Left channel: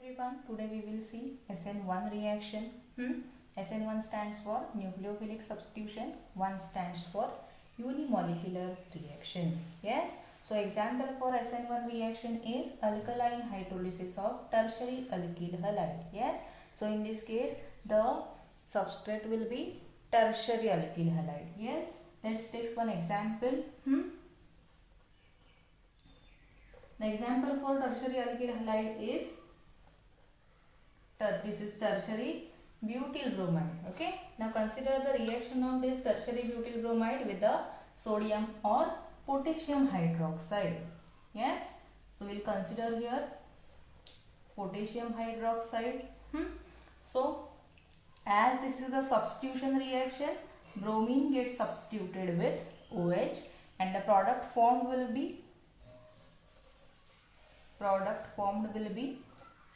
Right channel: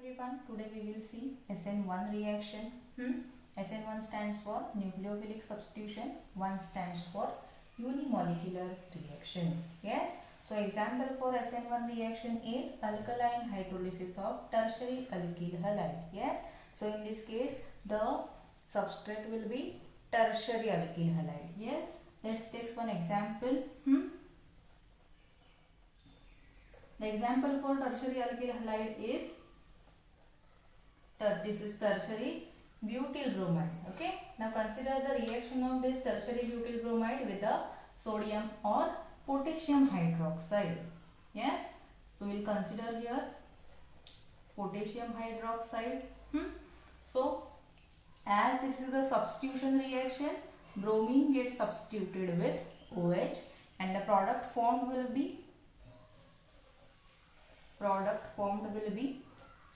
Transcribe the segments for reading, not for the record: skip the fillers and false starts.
everyone, today we will see SN1 reaction. SN1 stands for nucleophilic substitution, 1 stands for unimolecular reaction. Yes, so example for SN1 reaction is alkaline hydrolysis of tertiary alkyl halide. Yes, so in this case the substrate will be tertiary alkyl halide. Yes, let's take one example. The example for tertiary alkyl halide is this is tertiary butyl bromide. Okay, now consider the reaction of this tertiary butyl bromide with the sodium or potassium hydroxide. Yes, so we'll consider here potassium hydroxide. So as this is the substitution reaction, bromine gets substituted with OH and the product formed will be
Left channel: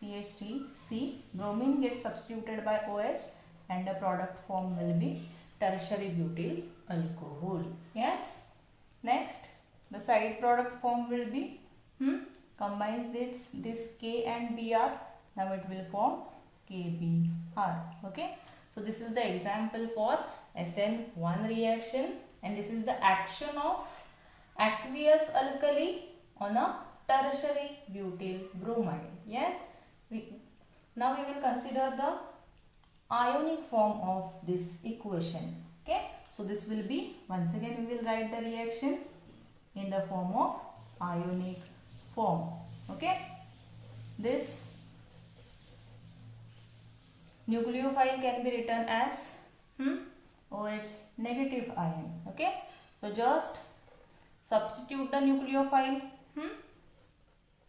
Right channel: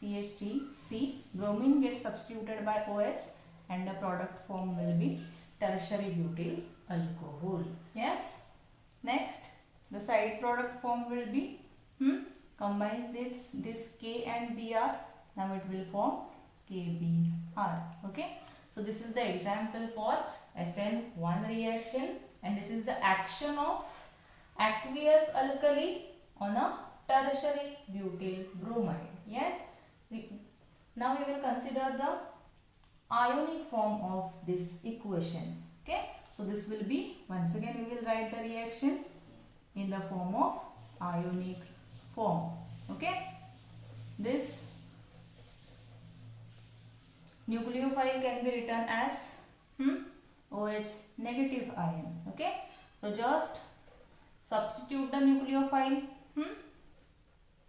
CH3C. Bromine gets substituted by OH and the product formed will be tertiary butyl alcohol. Yes. Next, the side product formed will be combines this K and Br. Now it will form KBr. Okay. So this is the example for SN1 reaction, and this is the action of aqueous alkali on a tertiary butyl bromide. Yes. Now we will consider the ionic form of this equation. Okay. So this will be, once again we will write the reaction in the form of ionic form. Okay. This nucleophile can be written as OH negative ion. Okay. So just substitute the nucleophile.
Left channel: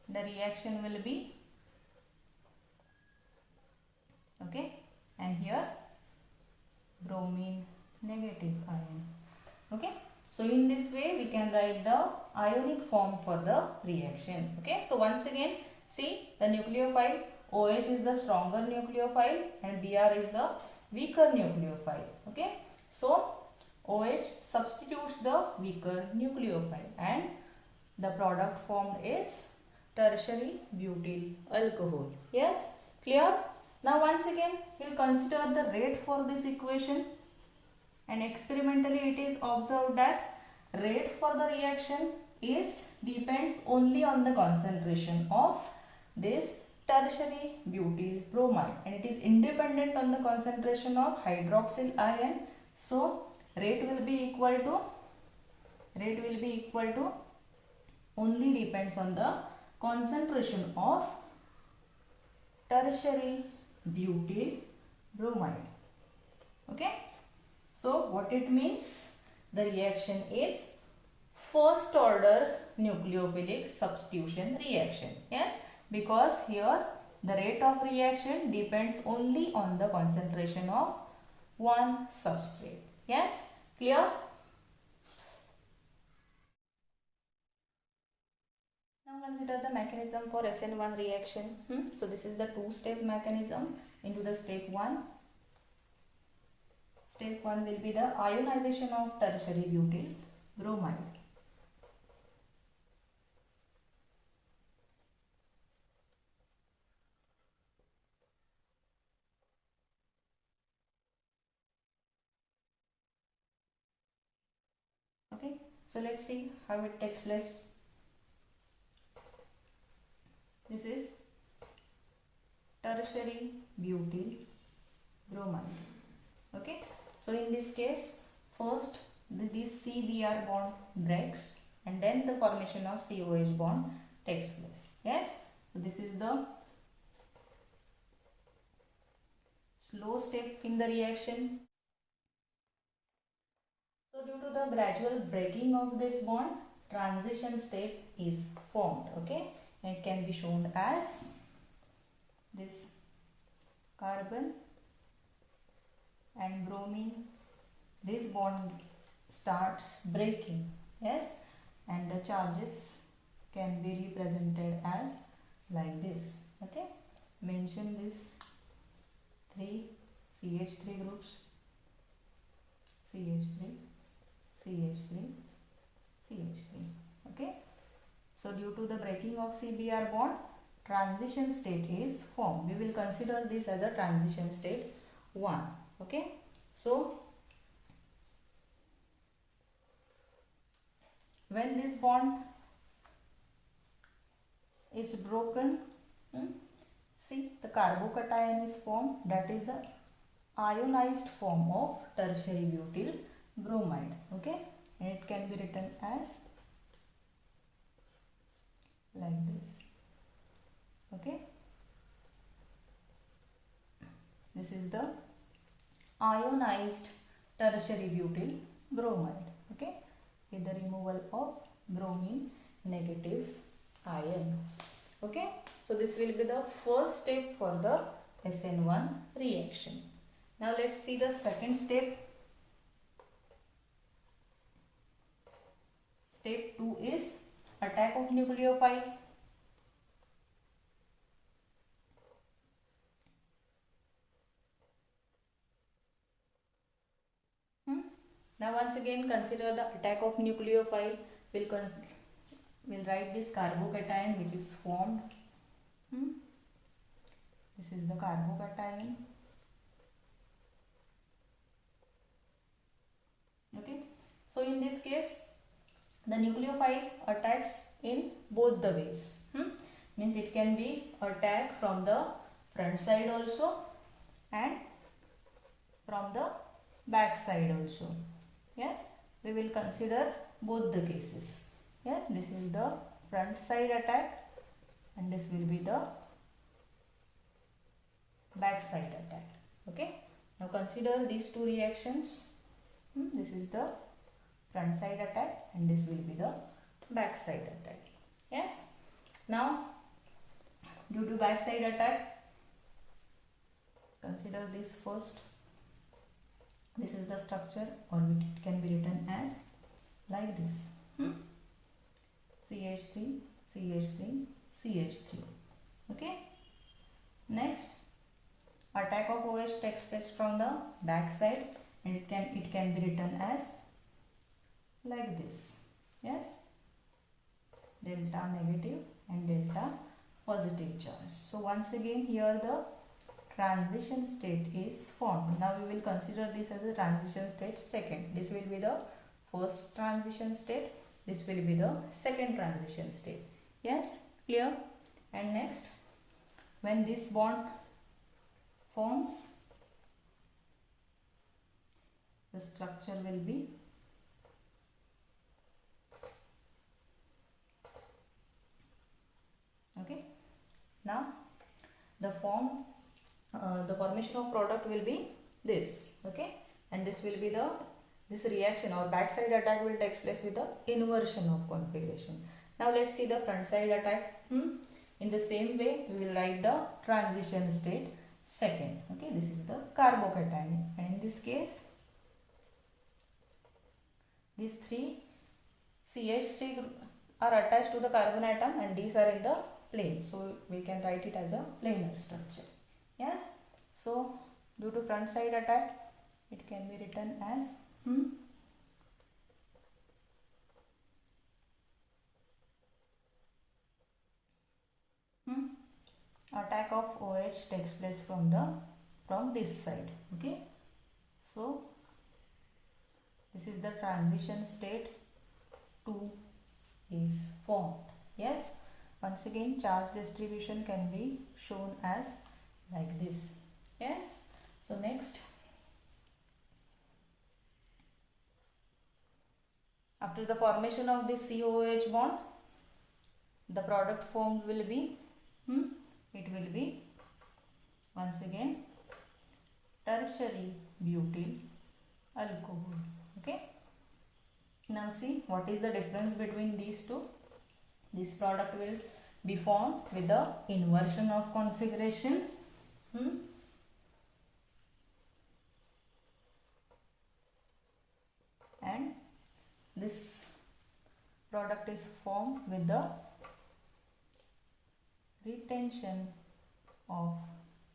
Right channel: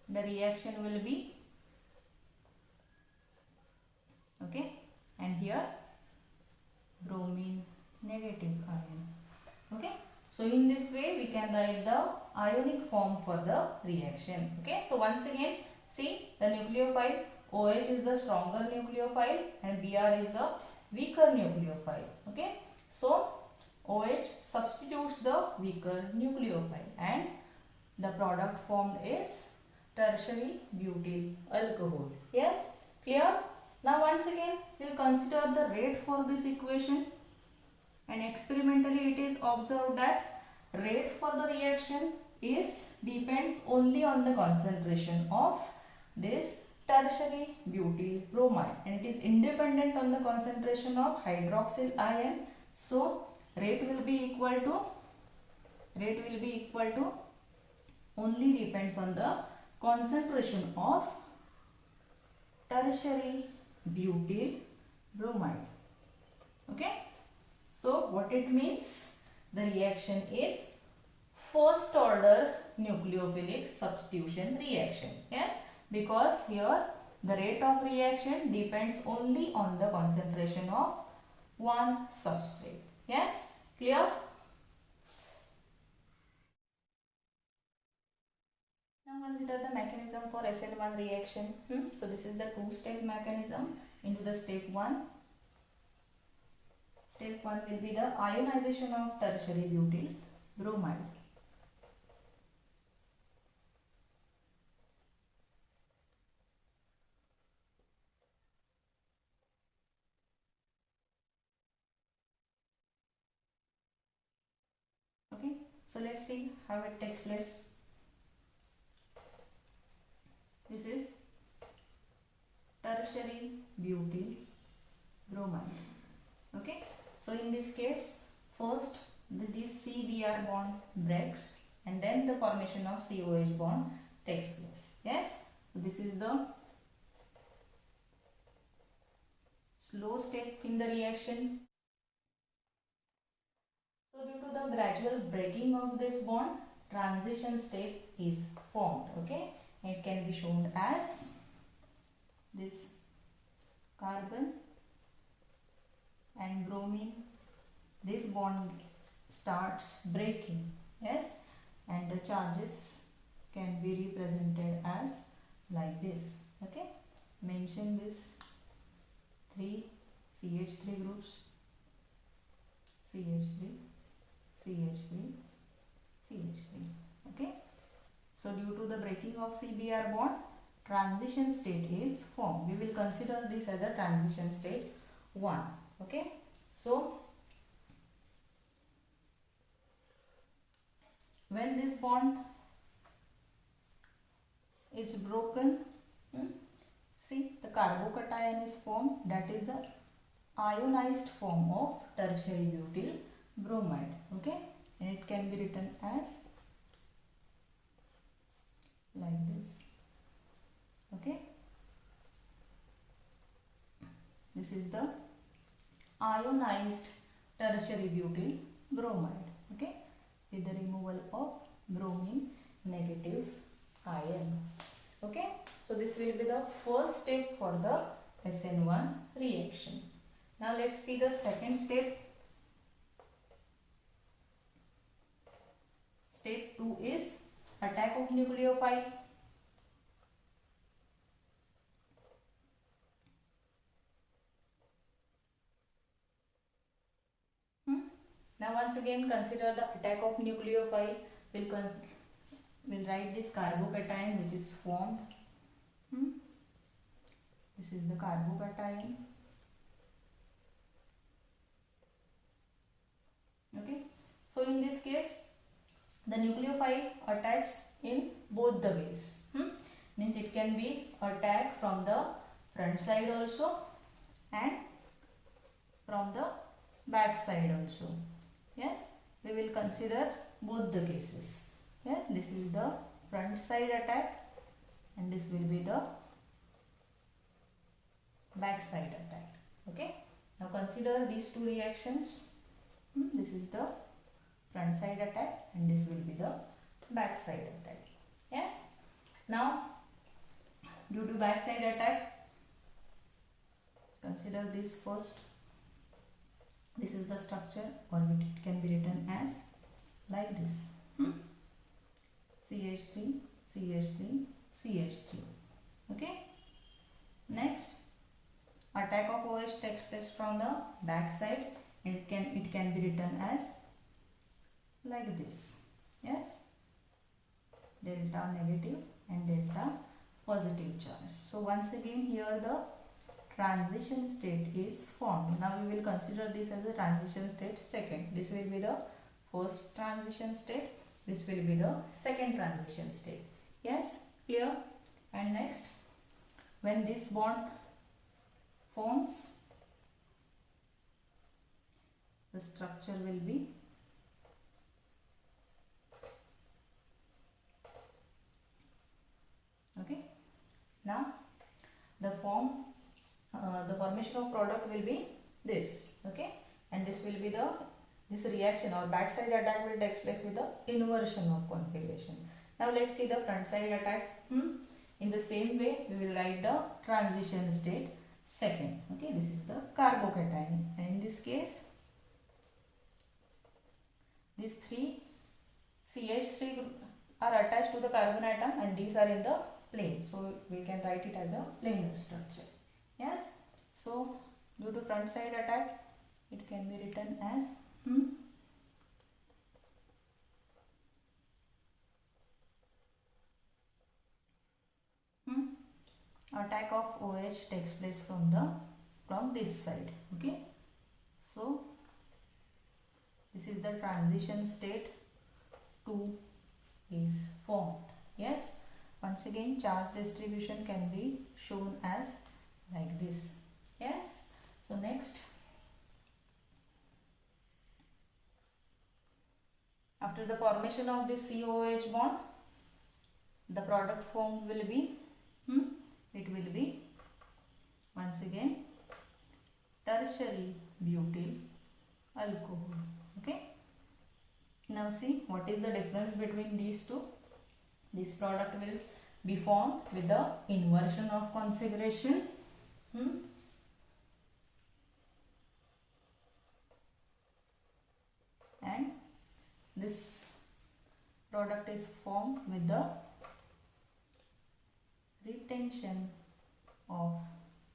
The reaction will be okay, and here bromine negative ion. Okay, so in this way we can write the ionic form for the reaction. Okay, so once again see the nucleophile OH is the stronger nucleophile and Br is the weaker nucleophile. Okay, so OH substitutes the weaker nucleophile and the product formed is tertiary butyl alcohol. Yes, clear? Now once again we will consider the rate for this equation, and experimentally it is observed that rate for the reaction depends only on the concentration of this tertiary butyl bromide, and it is independent on the concentration of hydroxyl ion. So rate will be equal to only depends on the concentration of tertiary butyl bromide. Okay, so what it means, the reaction is first order nucleophilic substitution reaction. Yes, because here the rate of reaction depends only on the concentration of one substrate. Yes, clear? Consider the mechanism for SN1 reaction. So this is the two-step mechanism into the step 1. Step 1 will be the ionization of tertiary butyl bromide. Okay, so let's see how it takes place. This is tertiary butyl bromide. Okay, so in this case first this CBr bond breaks and then the formation of COH bond takes place. Yes, so this is the slow step in the reaction. So due to the gradual breaking of this bond, transition state is formed. Okay, it can be shown as this carbon and bromine. This bond starts breaking. Yes, and the charges can be represented as like this. Okay, mention this 3 CH3 groups, CH3, CH3, CH3. Okay, so due to the breaking of CBr bond, transition state is formed. We will consider this as a transition state 1. Okay, so when this bond is broken, see the carbocation is formed, that is the ionized form of tertiary butyl bromide. Okay, and it can be written as like this. Okay, this is the ionized tertiary butyl bromide. Okay, with the removal of bromine negative ion. Okay, so this will be the first step for the SN1 reaction. Now let's see the second step. Step 2 is attack of nucleophile. Now once again consider the attack of nucleophile. We'll write this carbocation which is formed. This is the carbocation. Okay, so in this case the nucleophile attacks in both the ways. Means it can be attack from the front side also and from the back side also. Yes, we will consider both the cases. Yes, this is the front side attack and this will be the back side attack. Okay, now consider these two reactions. This is the front side attack and this will be the back side attack. Yes, now due to back side attack, consider this first. This is the structure, or it can be written as like this. CH3, CH3, CH3. Okay. Next, attack of OH takes place from the back side. It can be written as like this. Yes. Delta negative and delta positive charge. So once again here the transition state is formed. Now we will consider this as a transition state second. This will be the first transition state. This will be the second transition state. Yes, clear? And next, when this bond forms, the structure will be okay. Now the formation of product will be this. Okay, and this will be this reaction or backside attack will take place with the inversion of configuration. Now let's see the front side attack. In the same way we will write the transition state second. Okay, this is the carbocation, and in this case these three CH3 are attached to the carbon atom and these are in the plane, so we can write it as a planar structure. Yes, so due to front side attack it can be written as attack of OH takes place from this side. Okay, so this is the transition state 2 is formed. Yes, once again charge distribution can be shown as like this. Yes, so next, after the formation of this COOH bond, the product formed will be it will be once again tertiary butyl alcohol. Okay, now see what is the difference between these two. This product will be formed with the inversion of configuration. And this product is formed with the retention of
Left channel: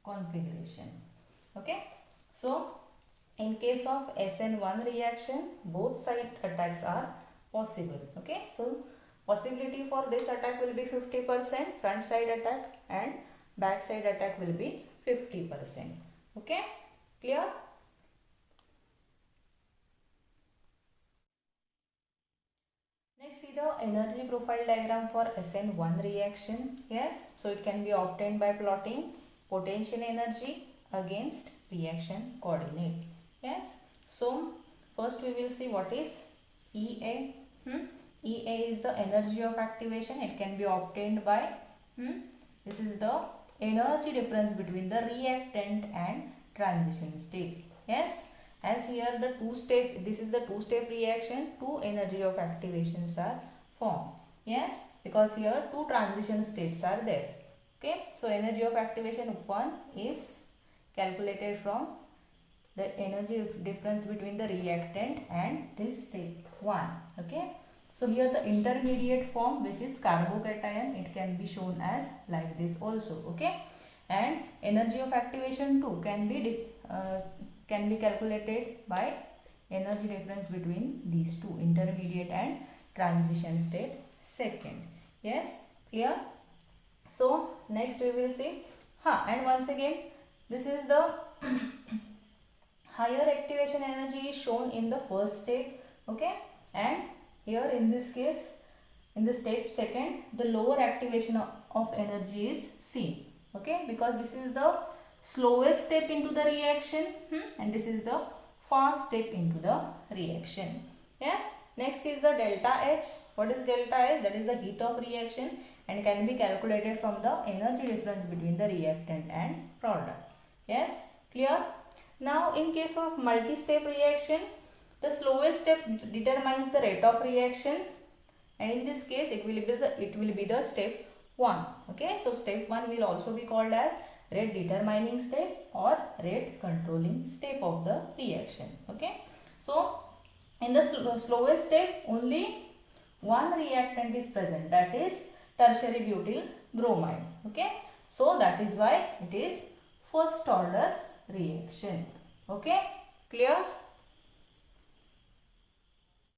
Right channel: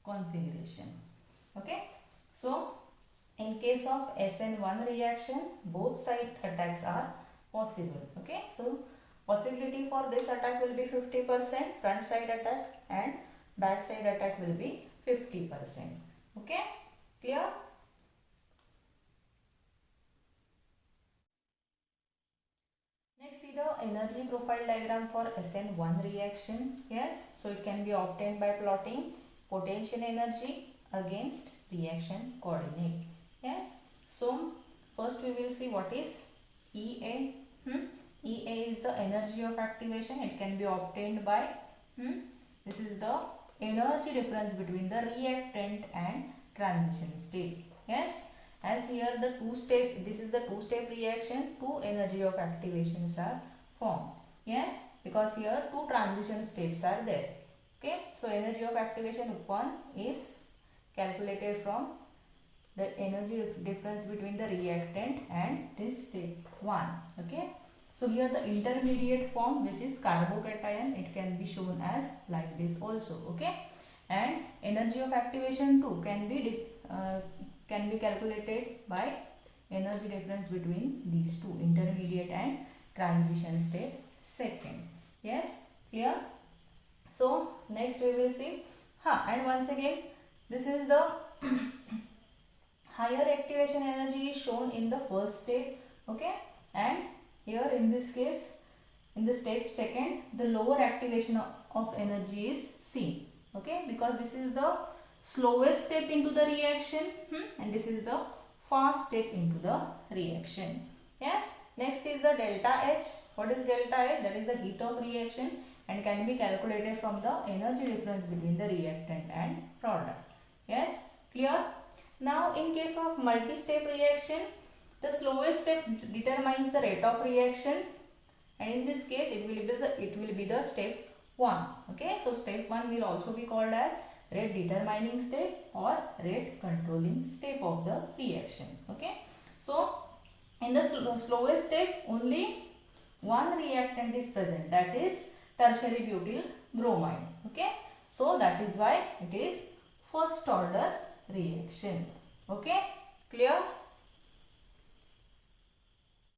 configuration. Okay, so in case of SN1 reaction, both side attacks are possible. Okay, so possibility for this attack will be 50%, front side attack, and back side attack will be 50%. Okay, clear? Next, see the energy profile diagram for SN1 reaction. Yes, so it can be obtained by plotting potential energy against reaction coordinate. Yes, so first we will see what is EA. EA is the energy of activation. It can be obtained by this is the energy difference between the reactant and transition state. Yes, as here the this is the two-step reaction, two energy of activations are formed. Yes, because here two transition states are there. Okay, so energy of activation 1 is calculated from the energy difference between the reactant and this state 1. Okay, so here the intermediate form, which is carbocation, it can be shown as like this also. Okay, and energy of activation 2 can be calculated by energy difference between these two, intermediate and transition state second. Yes, clear? So next we will see and once again this is the higher activation energy is shown in the first state. Okay, and here in this case, in the state second, the lower activation of energy is seen. Okay, because this is the slowest step into the reaction and this is the fast step into the reaction. Yes, next is the delta H. What is delta H? That is the heat of reaction and can be calculated from the energy difference between the reactant and product. Yes, clear? Now in case of multi-step reaction, the slowest step determines the rate of reaction, and in this case it will be the step 1. Okay, so step 1 will also be called as rate determining step or rate controlling step of the reaction. Okay, so in the slowest step only one reactant is present, that is tertiary butyl bromide. Okay, so that is why it is first order reaction. Okay, clear?